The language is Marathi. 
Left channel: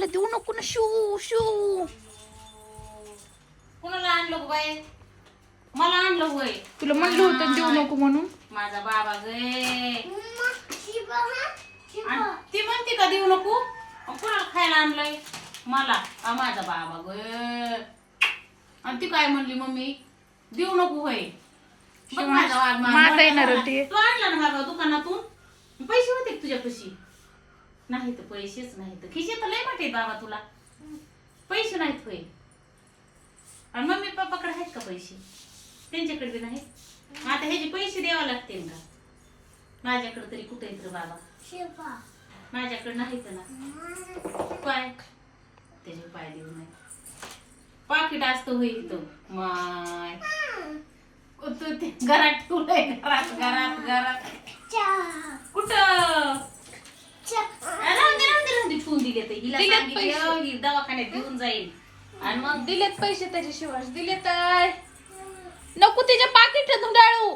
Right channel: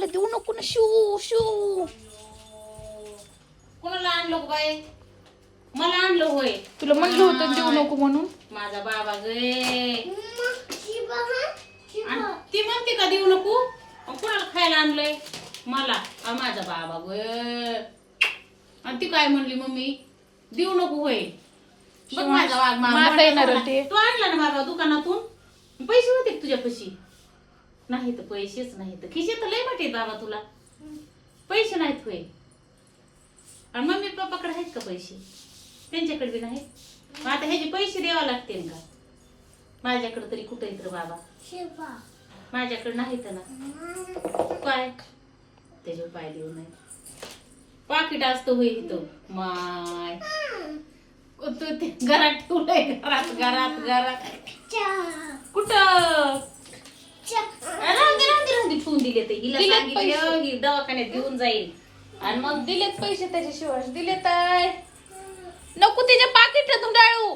मला देऊ नको ना शू शू. कोणाला आणलं गं बाई? मला आणलं होय. तुला म्हणलं होतं देऊ नको म्हणून. माझा बाबा गे. ती म्हणते का देऊ नको? कोणाला खायला आणलंय? मला. माझा बाबा गे. आणि ती काय म्हणली मम्मी? देऊ नको होय. बघ माझा माझा येणार होते. तू आणला ना बाबा दुकानातून? पैसे होते का तुझ्यापाशी? नाही तर पैसेच नाही तर खिशे तर लय मोठे बाबा तुला. पैसे नाहीत होय. आणि मम्मी पप्पाकडे आहेत का पैसे? त्यांच्याकडे बी नाहीत. मग आता ह्याचे पैसे द्यावे लागतील का? माझ्याकडे तरी कुठे येत रे बाबा? माझ्याकडे नाहीत ना. काय त्याचे पाय देऊ नाही. पाकिट असतं होय इथं. माय घरात ठेवलंय. घरात घरात घरात कुठं? ठेवून दिले ते. हिला सांगितलं ही दवाखान्यात घेऊन जाईल. आणि मग दिलेत पैसे त्याच्याशिवाय दिले तर नको तिच्या पाकिटातून डाळू.